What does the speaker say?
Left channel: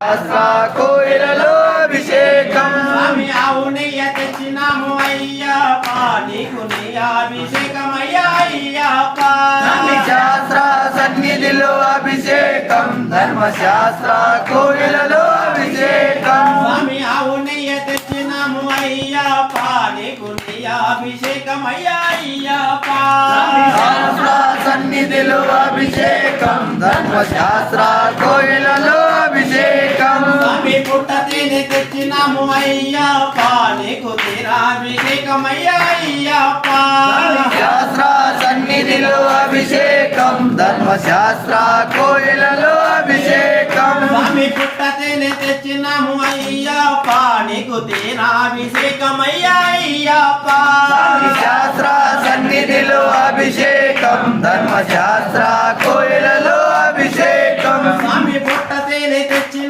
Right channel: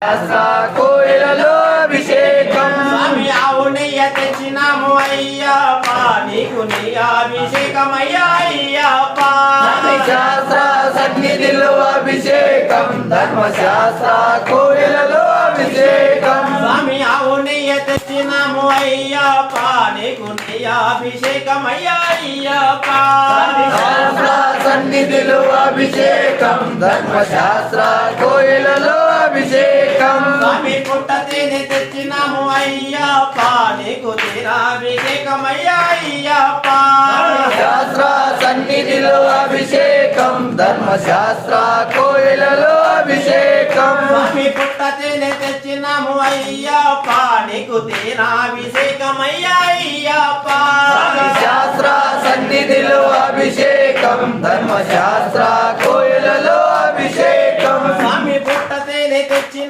శాస్త్ర కోయిలలో అభిషేకం స్వామి అవునయ్య తెచ్చినాము అయ్యప్ప నీకు నీ అభిషేకమయ్యా అయ్యప్ప శాస్త్ర సన్నిధిలో అభిషేకం ధర్మశాస్త్ర కోయిలలో అభిషేకం స్వామి అవునయ్య తెచ్చినాము అయ్యప్ప నీకు నీ అభిషేకమయ్యా అయ్యప్ప శాస్త్ర సన్నిధిలో అభిషేకం ధర్మశాస్త్ర కోయిలలో అభిషేకం స్వామి పుట్ట తేనె తెచ్చినాము అయ్యప్ప నీకు తీరాభిషేకమయ్యా అయ్యప్ప శాస్త్ర సన్నిధిలో అభిషేకం ధర్మశాస్త్ర కోయిలలో అభిషేకం స్వామి పుట్ట తేనె తెచ్చినాము అయ్యప్ప నీకు తీరాభిషేకమయ్యా అయ్యప్ప శాస్త్ర సన్నిధిలో అభిషేకం ధర్మశాస్త్ర కోయిలలో అభిషేకం స్వామి పుట్ట తేనె తెచ్చిన